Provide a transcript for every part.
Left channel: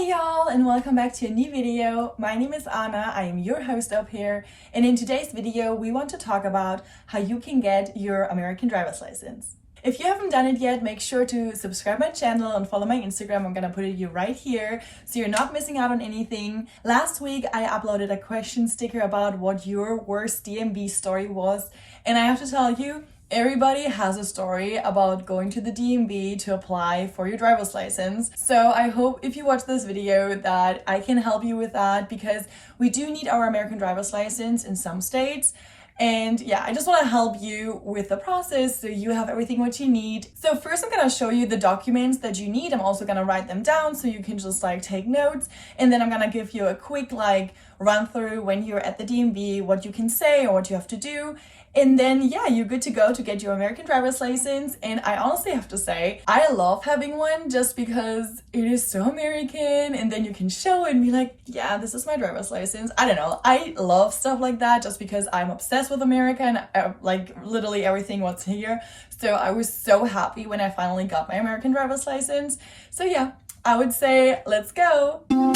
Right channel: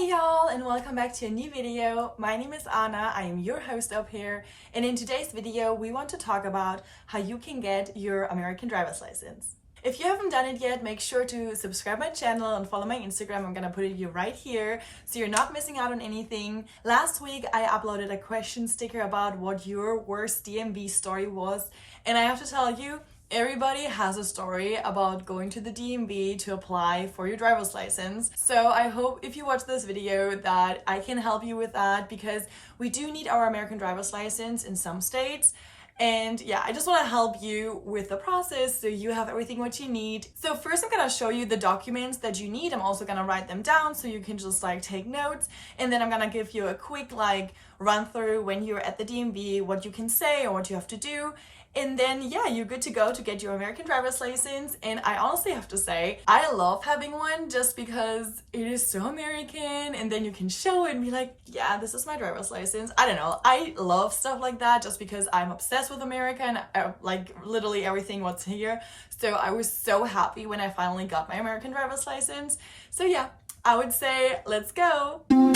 Hey y'all, and welcome back to a new video. My name is Anna, I am your host up here, and in today's video we want to talk about how you can get your American driver's license. If you haven't done it yet, make sure to subscribe my channel and follow my Instagram. I'm gonna put it right here so you're not missing out on anything. Last week I uploaded a question sticker about what your worst DMV story was, and I have to tell you, everybody has a story about going to the DMV to apply for your driver's license. So I hope if you watch this video that I can help you with that, because we do need our American driver's license in some states. And yeah, I just want to help you with the process so you have everything what you need. So first I'm going to show you the documents that you need. I'm also going to write them down so you can just take notes. And then I'm going to give you a quick run through when you're at the DMV, what you can say or what you have to do. And then, yeah, you're good to go to get your American driver's license. And I honestly have to say, I love having one just because it is so American. And then you can show it and be like, yeah, this is my driver's license. I don't know. I love stuff like that just because I'm obsessed with America and literally everything what's here. So I was so happy when I finally got my American driver's license. So yeah, I would say, let's go. So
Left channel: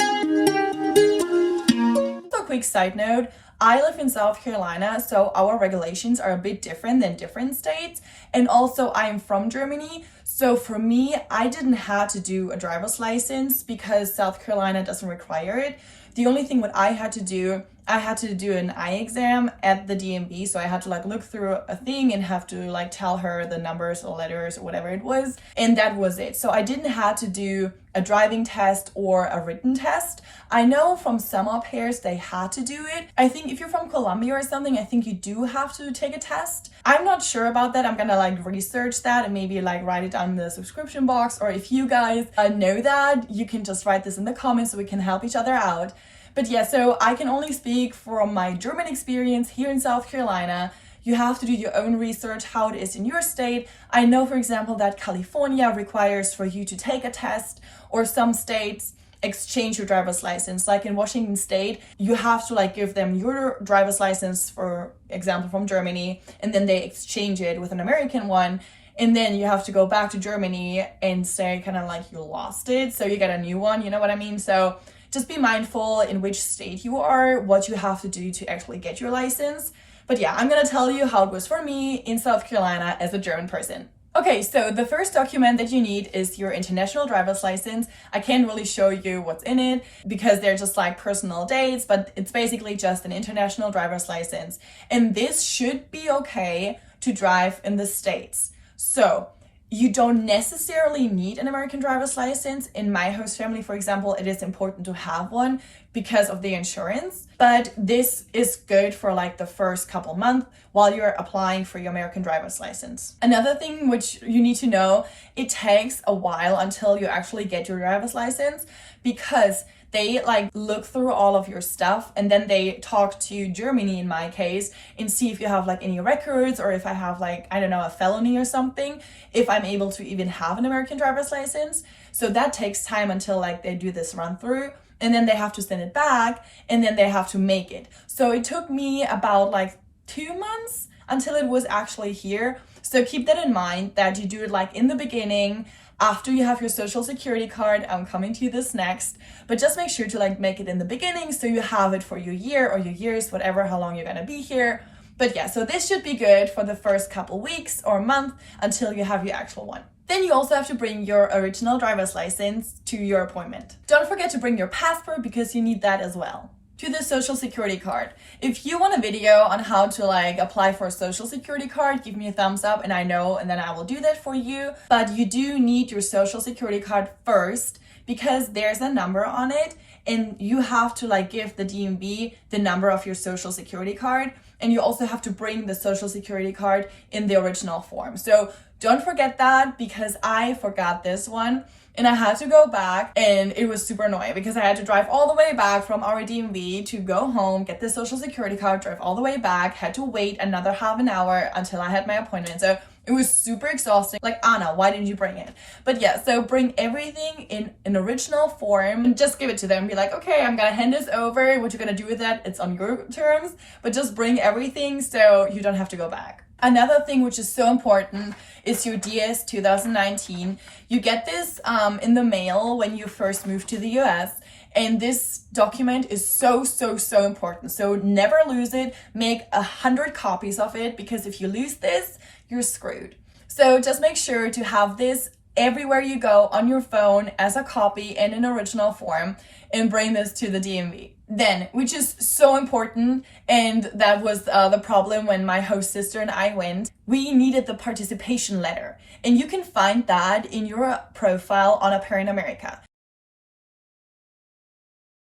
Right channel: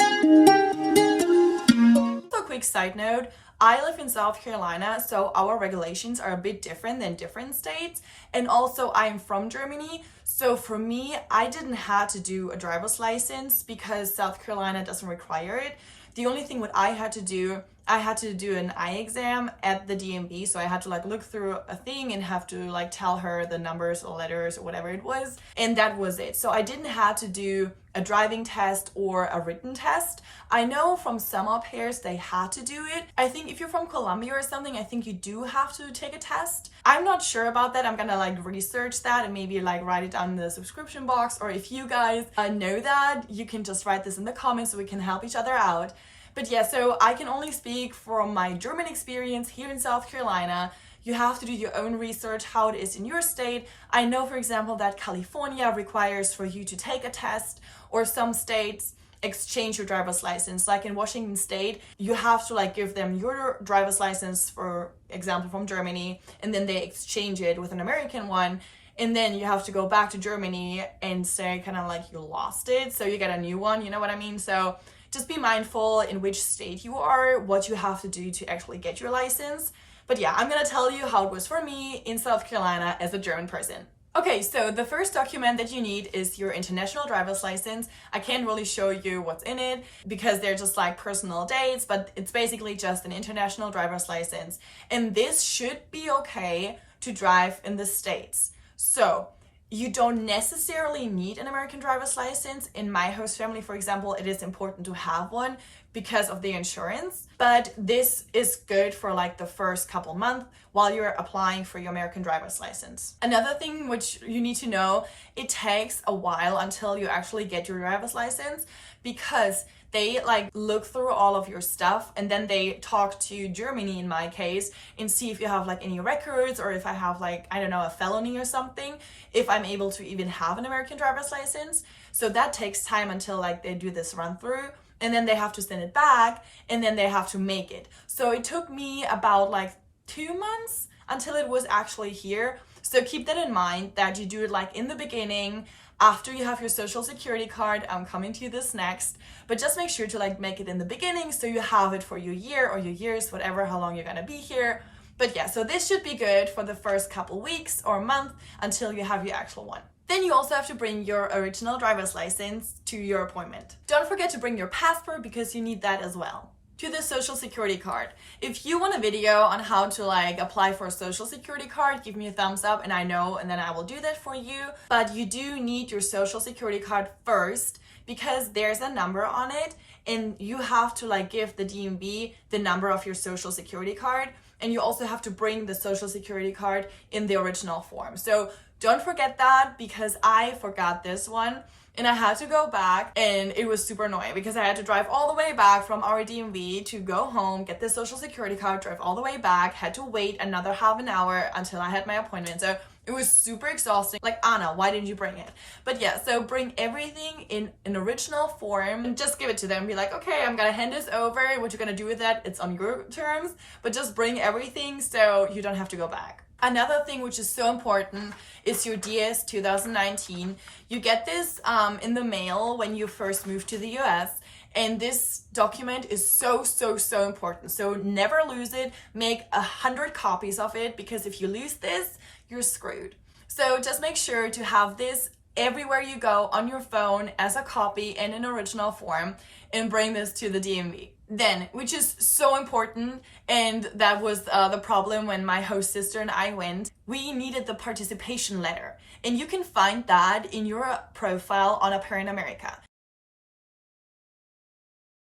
a quick side note. I live in South Carolina, so our regulations are a bit different than different states. And also I'm from Germany. So for me, I didn't have to do a driver's license because South Carolina doesn't require it. The only thing what I had to do an eye exam at the DMV. So I had to look through a thing and have to tell her the numbers or letters or whatever it was. And that was it. So I didn't have to do a driving test or a written test. I know from some au pairs they had to do it. I think if you're from Colombia or something, I think you do have to take a test. I'm not sure about that. I'm gonna research that and maybe write it down in the subscription box. Or if you guys know that, you can just write this in the comments so we can help each other out. But yeah, so I can only speak from my German experience here in South Carolina. You have to do your own research, how it is in your state. I know, for example, that California requires for you to take a test, or some states exchange your driver's license. Like in Washington State, you have to give them your driver's license, for example, from Germany, and then they exchange it with an American one. And then you have to go back to Germany and say you lost it. So you get a new one, you know what I mean? So just be mindful in which state you are, what you have to do to actually get your license. But yeah, I'm gonna tell you how it was for me in South Carolina as a German person. Okay, so the first document that you need is your international driver's license. I can't really show you what's in it because they're just personal dates, but it's basically just an international driver's license. And this should be okay to drive in the States. So you don't necessarily need an American driver's license. In my host family, for example, it is important to have one because of the insurance. But this is good for the first couple months while you're applying for your American driver's license. Another thing which you need to know, it takes a while until you actually get your driver's license because they look through all of your stuff and then they talk to Germany in my case and see if you have any records, or if I have I don't know, a felony or something, if I'm able to even have an American driver's license. So that takes time until they do this run through, and then they have to send it back, and then they have to make it. So it took me about 2 months until it was actually here. So keep that in mind, that you do it in the beginning, after you have your social security card. I'm coming to this next, but just make sure to make it in the beginning so you have it for your year or your years, whatever, how long you're gonna be here. But yeah, so this should be good for the first couple weeks or month until you have your actual one. Then you also have to bring your original driver's license to your appointment. Don't forget to bring your passport because you need that as well. To the social security card. If you want a video on how to apply for a social security card, give me a thumbs up and I then I will do that for you. But you do need your social security card first because there's a number on it, and you have to give the DMV the number of your social security card, and you also have to bring the social security card in the original form. So don't forget that, because I forgot this one. And I had to go back, and it was super annoying because I had to drive all the way back from our DMV to go home, get the social security card, drive all the way back, had to wait another half an hour until I had my appointment. So it was super exhausting. Anna, why didn't you bring it? But yeah, so bring everything in an original form and just give it to them. Be okay, I'm gonna hand this over. What you're gonna do with that, it's on your terms, but just bring everything so you don't have to go back. Another thing which is so important is your DS 2019. You get this in the mail when you first move to the US. And this document is so important. So never lose it. Make 100 copies of it, because if you lose this, you're screwed. So just make sure to have this everywhere you go on your phone as a copy in an original form, and bring this to the DMV. Then, which is so important, and that was the problem when my host sister and I went, we needed the participation letter. And you can find that in your profile on Au Pair in America.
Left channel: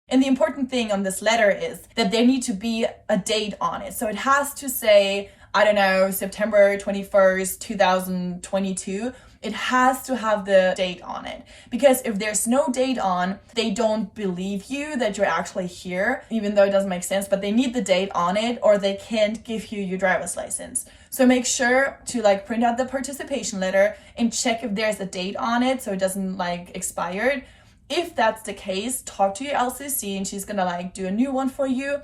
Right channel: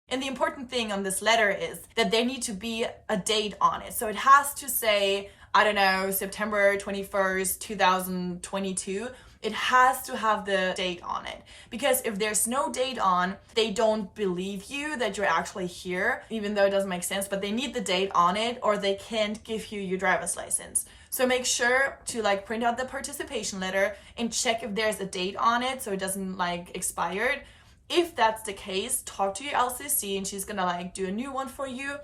And the important thing on this letter is that there need to be a date on it. So it has to say, I don't know, September 21st, 2022. It has to have the date on it. Because if there's no date on, they don't believe you that you're actually here, even though it doesn't make sense, but they need the date on it or they can't give you your driver's license. So make sure to like print out the participation letter and check if there's a date on it so it doesn't like expire. If that's the case, talk to your LCC and she's gonna like do a new one for you,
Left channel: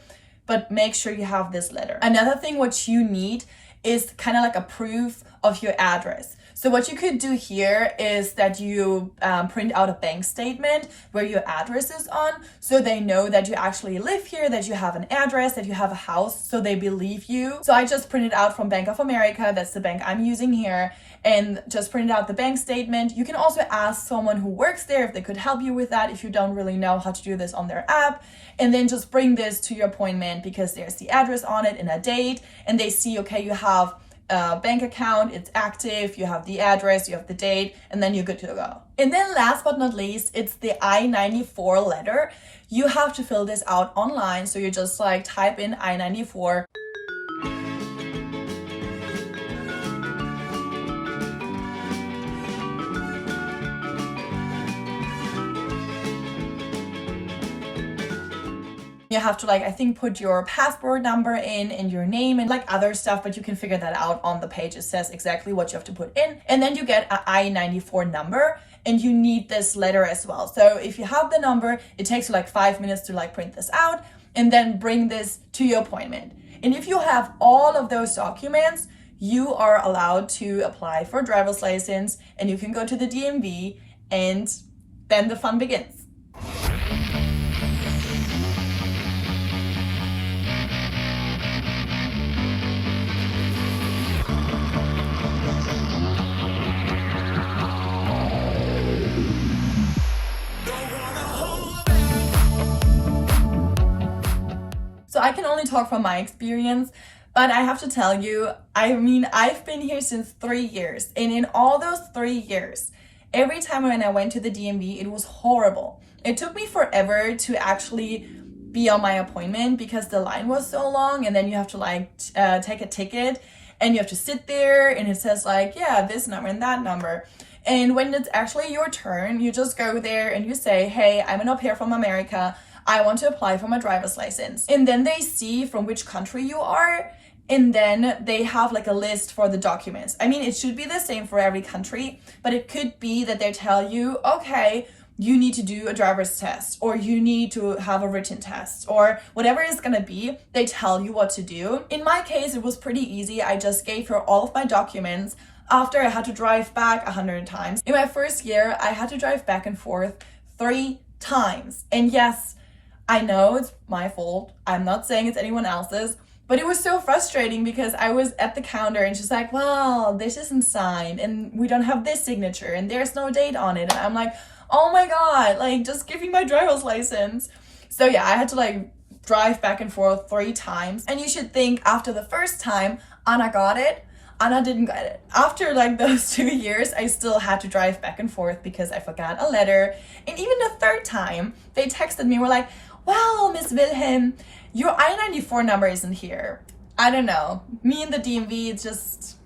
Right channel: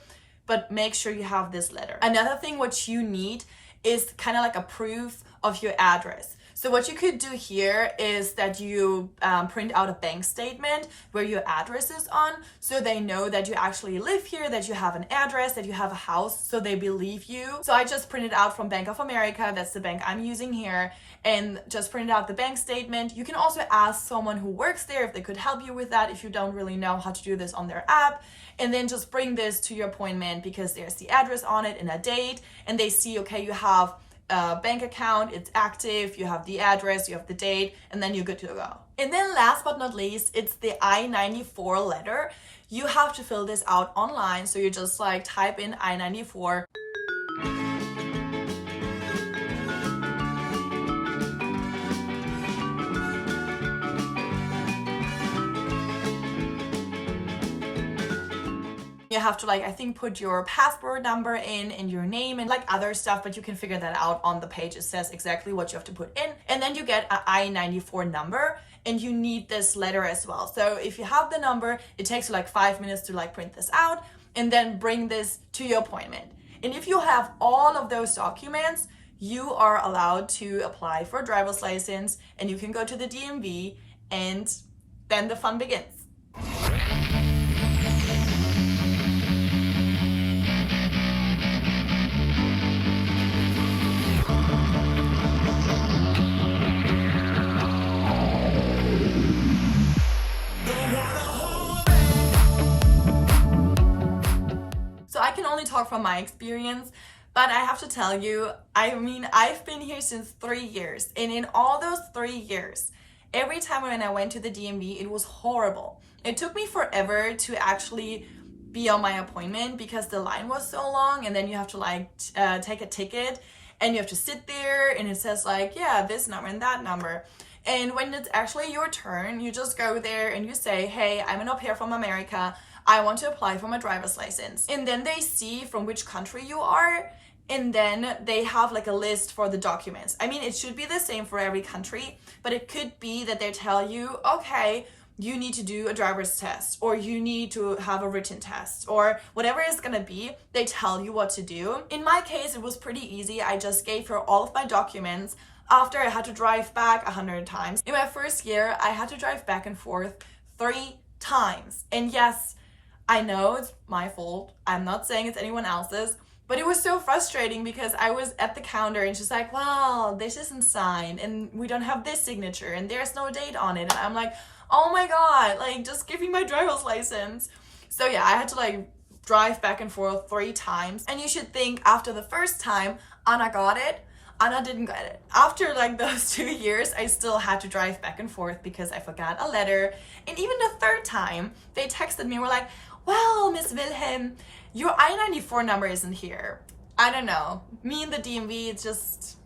but make sure you have this letter. Another thing what you need is kind of like a proof of your address. So what you could do here is that you print out a bank statement where your address is on, so they know that you actually live here, that you have an address, that you have a house, so they believe you. So I just printed out from Bank of America, that's the bank I'm using here, and just printed out the bank statement. You can also ask someone who works there if they could help you with that if you don't really know how to do this on their app. And then just bring this to your appointment because there's the address on it and a date, and they see, okay, you have a bank account, it's active, you have the address, you have the date, and then you're good to go. And then last but not least, it's the I-94 letter. You have to fill this out online. So you just like type in I-94. You have to like, I think, put your passport number in and your name and like other stuff, but you can figure that out on the page. It says exactly what you have to put in. And then you get an I-94 number and you need this letter as well. So if you have the number, it takes you like 5 minutes to like print this out and then bring this to your appointment. And if you have all of those documents, you are allowed to apply for a driver's license and you can go to the DMV, and then the fun begins. So I can only talk from my experience, but I have to tell you, I mean, I've been here since 3 years, and in all those 3 years, every time when I went to the DMV, it was horrible. It took me forever to actually be on my appointment because the line was so long, and then you have to like take a ticket and you have to sit there and it says like, yeah, this number and that number. And when it's actually your turn, you just go there and you say, hey, I'm an au pair from America. I want to apply for my driver's license. And then they see from which country you are, and then they have like a list for the documents. I mean, it should be the same for every country, but it could be that they tell you, okay, you need to do a driver's test, or you need to have a written test, or whatever it's gonna be, they tell you what to do. In my case, it was pretty easy. I just gave her all of my documents after I had to drive back 100 times. In my first year, I had to drive back and forth 3 times. And yes, I know it's my fault. I'm not saying it's anyone else's, but it was so frustrating because I was at the counter and she's like, well, this isn't signed and we don't have this signature and there's no date on it. And I'm like, oh my God, like just give me my driver's license. So yeah, I had to like drive back and forth 3 times. And you should think after the first time, Anna got it. Anna didn't get it. After like those 2 years, I still had to drive back and forth because I forgot a letter. And even the third time, they texted me and were like, well, Miss Wilhelm, your I-94 number isn't here. I don't know. Me and the DMV, it's just,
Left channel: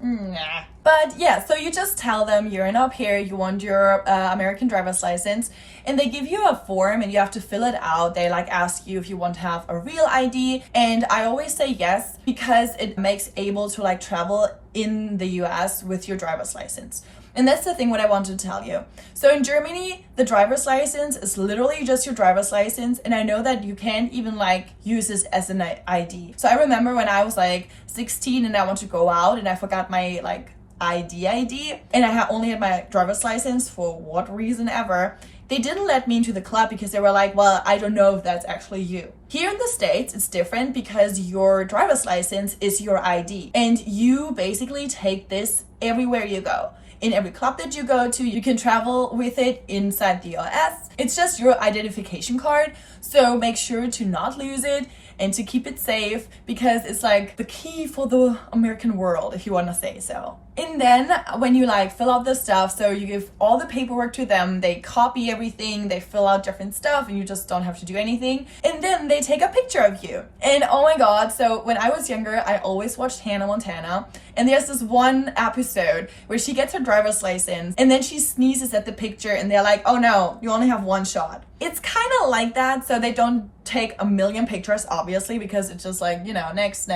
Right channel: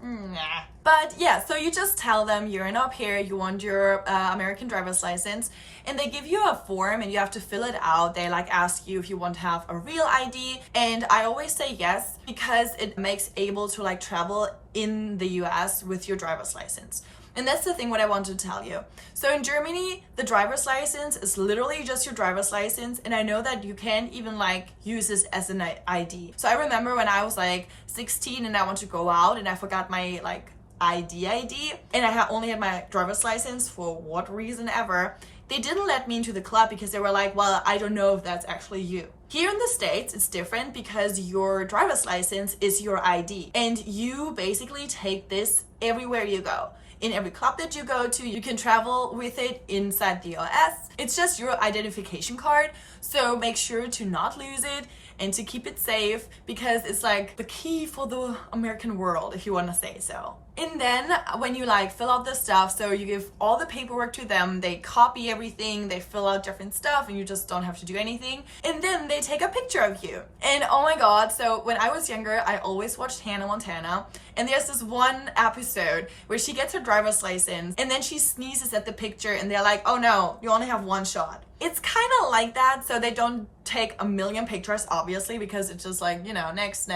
nah. But yeah, so you just tell them you're an au pair, you want your American driver's license, and they give you a form and you have to fill it out. They like ask you if you want to have a real ID, and I always say yes because it makes able to like travel in the US with your driver's license. And that's the thing what I wanted to tell you. So in Germany, the driver's license is literally just your driver's license. And I know that you can't even like use this as an ID. So I remember when I was like 16 and I wanted to go out and I forgot my like ID, and I only had my driver's license for what reason ever, they didn't let me into the club because they were like, well, I don't know if that's actually you. Here in the States, it's different because your driver's license is your ID, and you basically take this everywhere you go. In every club that you go to, you can travel with it inside the US. It's just your identification card, so make sure to not lose it and to keep it safe, because it's like the key for the American world, if you want to say so. And then when you like fill out the stuff, so you give all the paperwork to them, they copy everything, they fill out different stuff, and you just don't have to do anything. And then they take a picture of you. And oh my God, so when I was younger, I always watched Hannah Montana. And there's this one episode where she gets her driver's license and then she sneezes at the picture and they're like, oh no, you only have one shot. It's kind of like that, so they don't take a million pictures, obviously, because it's just like, you know, next.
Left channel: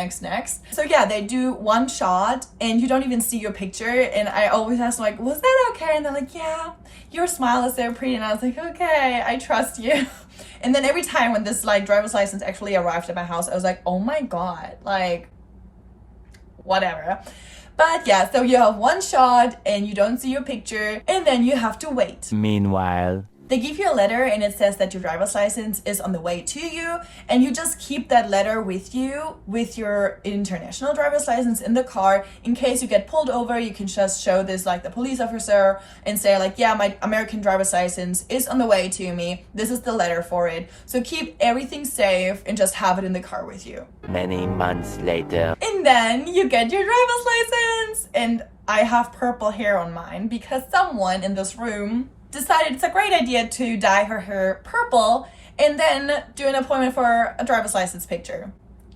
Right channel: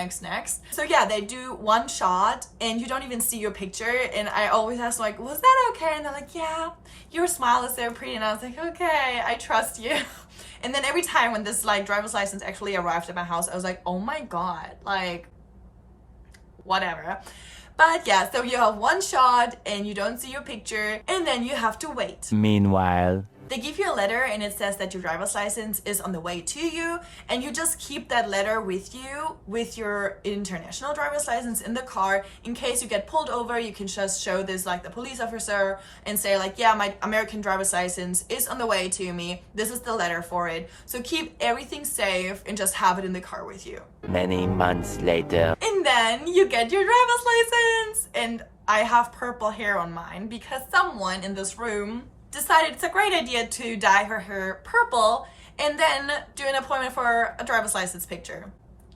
So yeah, they do one shot and you don't even see your picture. And I always ask like, was that okay? And they're like, yeah, your smile is so pretty. And I was like, okay, I trust you. And then every time when this like driver's license actually arrived at my house, I was like, oh my God, like whatever. But yeah, so you have one shot and you don't see your picture and then you have to wait. Meanwhile, they give you a letter and it says that your driver's license is on the way to you, and you just keep that letter with you with your international driver's license in the car. In case you get pulled over, you can just show this like the police officer and say like, yeah, my American driver's license is on the way to me. This is the letter for it. So keep everything safe and just have it in the car with you. many months later. And then you get your driver's license. And I have purple hair on mine because someone in this room decided it's a great idea to dye her hair purple and then do an appointment for a driver's license picture.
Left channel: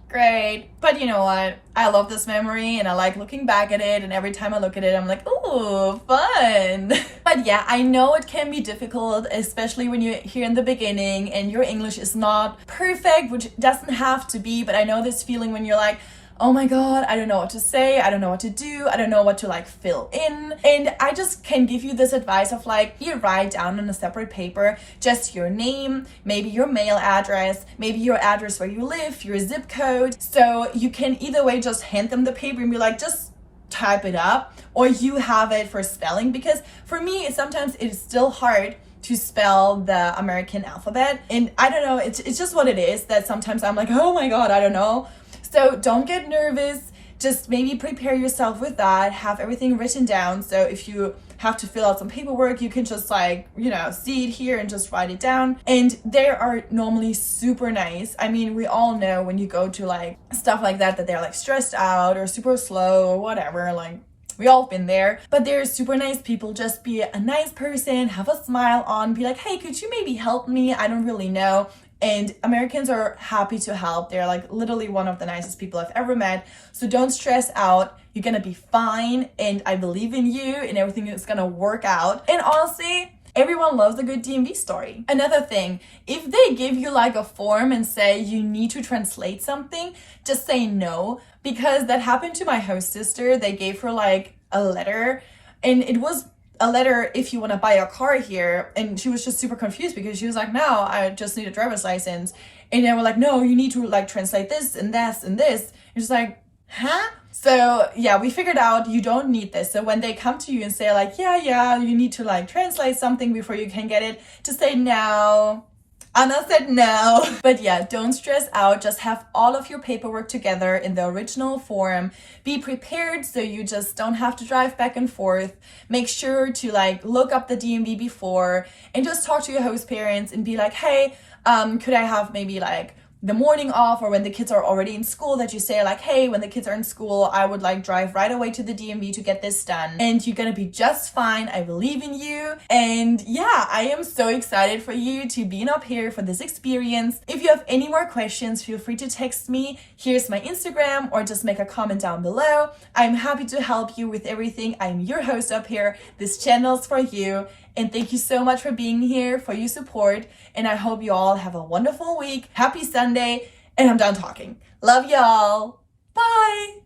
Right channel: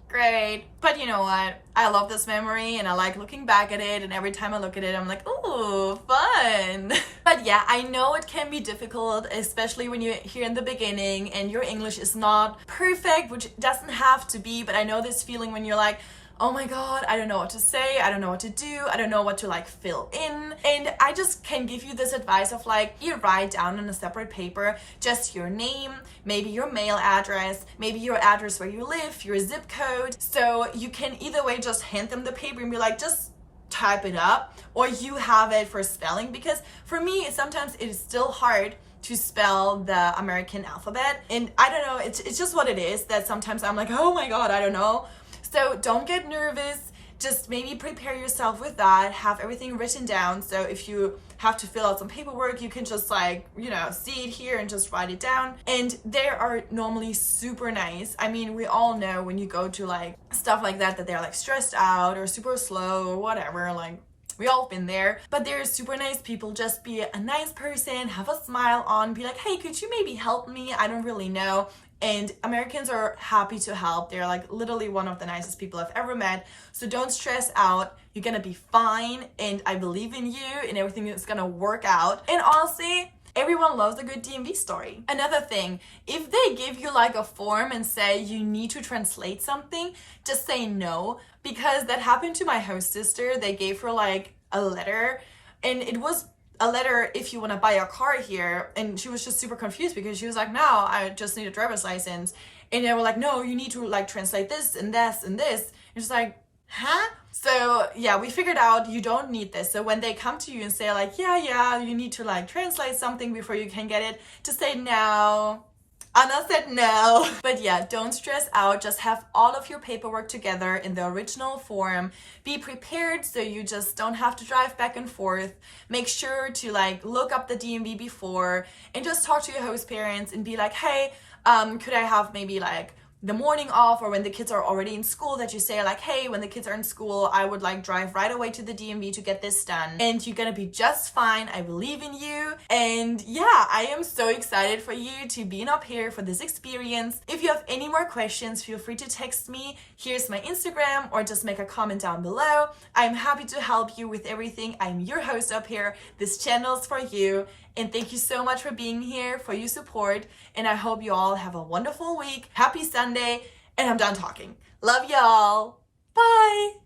Great. But you know what? I love this memory and I like looking back at it, and every time I look at it, I'm like, ooh, fun. But yeah, I know it can be difficult, especially when you're here in the beginning and your English is not perfect, which doesn't have to be, but I know this feeling when you're like, oh my God, I don't know what to say, I don't know what to do, I don't know what to like fill in. And I just can give you this advice of like, you write down on a separate paper just your name, maybe your mail address, maybe your address where you live, your zip code. So you can either way just hand them the paper and be like, just type it up, or you have it for spelling, because for me, sometimes it is still hard to spell the American alphabet. And I don't know, it's just what it is that sometimes I'm like, oh my God, I don't know. So don't get nervous, just maybe prepare yourself with that, have everything written down. So if you have to fill out some paperwork, you can just like, you know, see it here and just write it down. And they are normally super nice. I mean, we all know when you go to like stuff like that they're like stressed out or super slow or whatever, like we all been there, but they're super nice people. Just be a nice person, have a smile on, be like, hey, could you maybe help me? I don't really know. And Americans are happy to help. They're like literally one of the nicest people I've ever met. So don't stress out. You're gonna be fine. And I believe in you and everything is gonna work out. And honestly, everyone loves a good DMV story. Another thing, if they give you like a form and say you need to translate something, just say no. Because that happened to my host sister. They gave her like a letter, and it was a letter if you want to buy a car here, and she was just super confused because she was like, no, I just need a driver's license. And they were like, no, you need to like translate this and this and this. And she's like, huh? So yeah, we figured out you don't need this. So when they come to you and say like, yeah, you need to like translate something before you can get it, just say no. Anna said no. But yeah, don't stress out. Just have all of your paperwork together in the original form. Be prepared so you just don't have to drive back and forth. Make sure to like look up the DMV before and just talk to your host parents and be like, hey, could I have maybe like the morning off, or when the kids are already in school, that you say like, hey, when the kids are in school, I would like drive right away to the DMV to get this done. And you're gonna be just fine. I believe in you. And yeah, I am so excited for you to be up here for this experience. If you have any more questions, feel free to text me. Here's my Instagram, or just make a comment down below. I'm happy to help you with everything. I'm your host up here. This channel's for you. And thank you so much for being here, for your support. And I hope you all have a wonderful week. Happy Sunday. And I'm done talking. Love y'all. Bye.